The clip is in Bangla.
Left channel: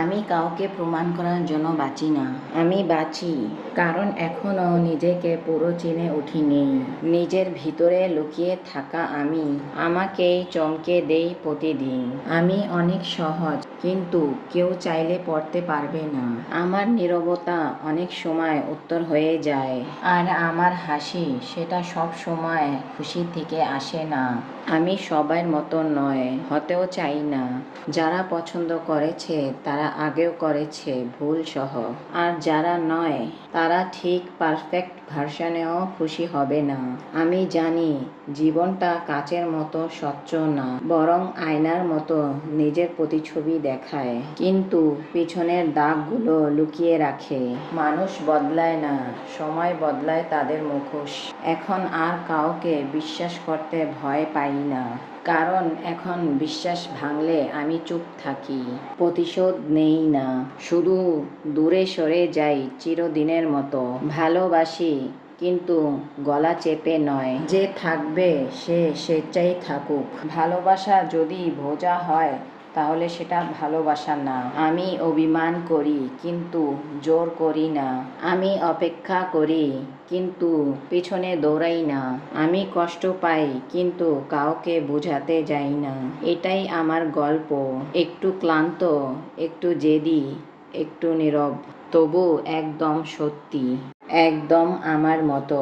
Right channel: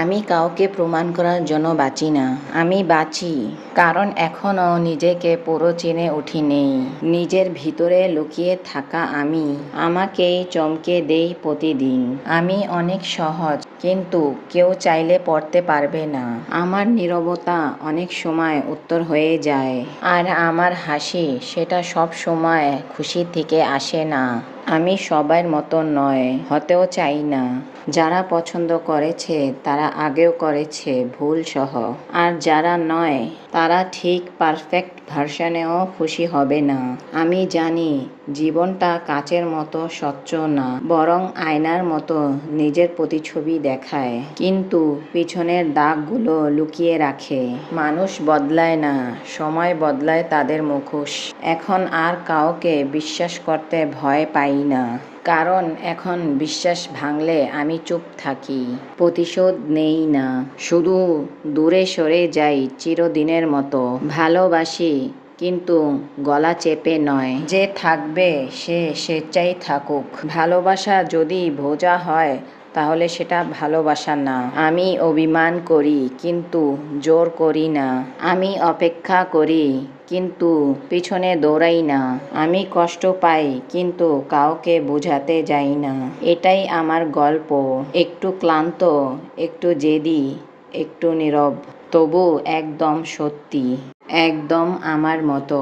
আমি কাউকে প্রমাণ করার জন্য বাঁচি না। আমি বাঁচি কারণ এখনও নিজেকে পুরো চিনে উঠিনি। নিজের ভিতরে লুকিয়ে থাকা আমি আমাকেই চমকে দেই প্রতিদিন। আমি অনেক সহজ, কিন্তু কেউ চাইলে পড়তে পারবে না। আমার নীরবতা অনেক সময় উত্তর হয়ে যায়। আর আমার হাসি, সেটা সব সময় খুশি থেকে আসে না। আমি সবার মতো নয়, হতেও চাই না। যারা পছন্দ করেছে তারা আগেও করেছে ভুল সহ। আর যারা নয়, তারা ঠিক পারফেক্ট ভার্সনেও খুশি হবে না। আমি জানি জীবনটা কাচের মতো স্বচ্ছ না, বরং আয়নার মতো নিজের প্রতিছবি দেখায়, কিন্তু পিছনের দাগগুলো লুকিয়ে রাখে। মানুষ বদলায় না, সময় বদলায় তাদের মুখোশ। এখন আর কাউকে বিশ্বাস করতে ভয় পাই না, কারণ এখন বিশ্বাস ভাঙলে আমি চুপ থাকি, প্রতিশোধ নেই না, শুধু দূরে সরে যাই চিরদিনের মতো। ভালোবাসি, কিন্তু গলা চেপে নয়। যে থাকবে সে স্বেচ্ছায় থাকুক। ভালোবাসা যদি বোঝা হয়, তাহলে সেটা ভালোবাসা না। আমি অভিমান করি, কিন্তু জোর করি না। আমি অপেক্ষা করি, কিন্তু পিছনে দৌড়াই না। আমি কষ্ট পাই, কিন্তু কাউকে বোঝাতে যাই না। এটাই আমার গল্প। একটু ক্লান্ত, একটু জেদি, একটু নীরব, তবু একদম সত্যি, একদম আমার মতো।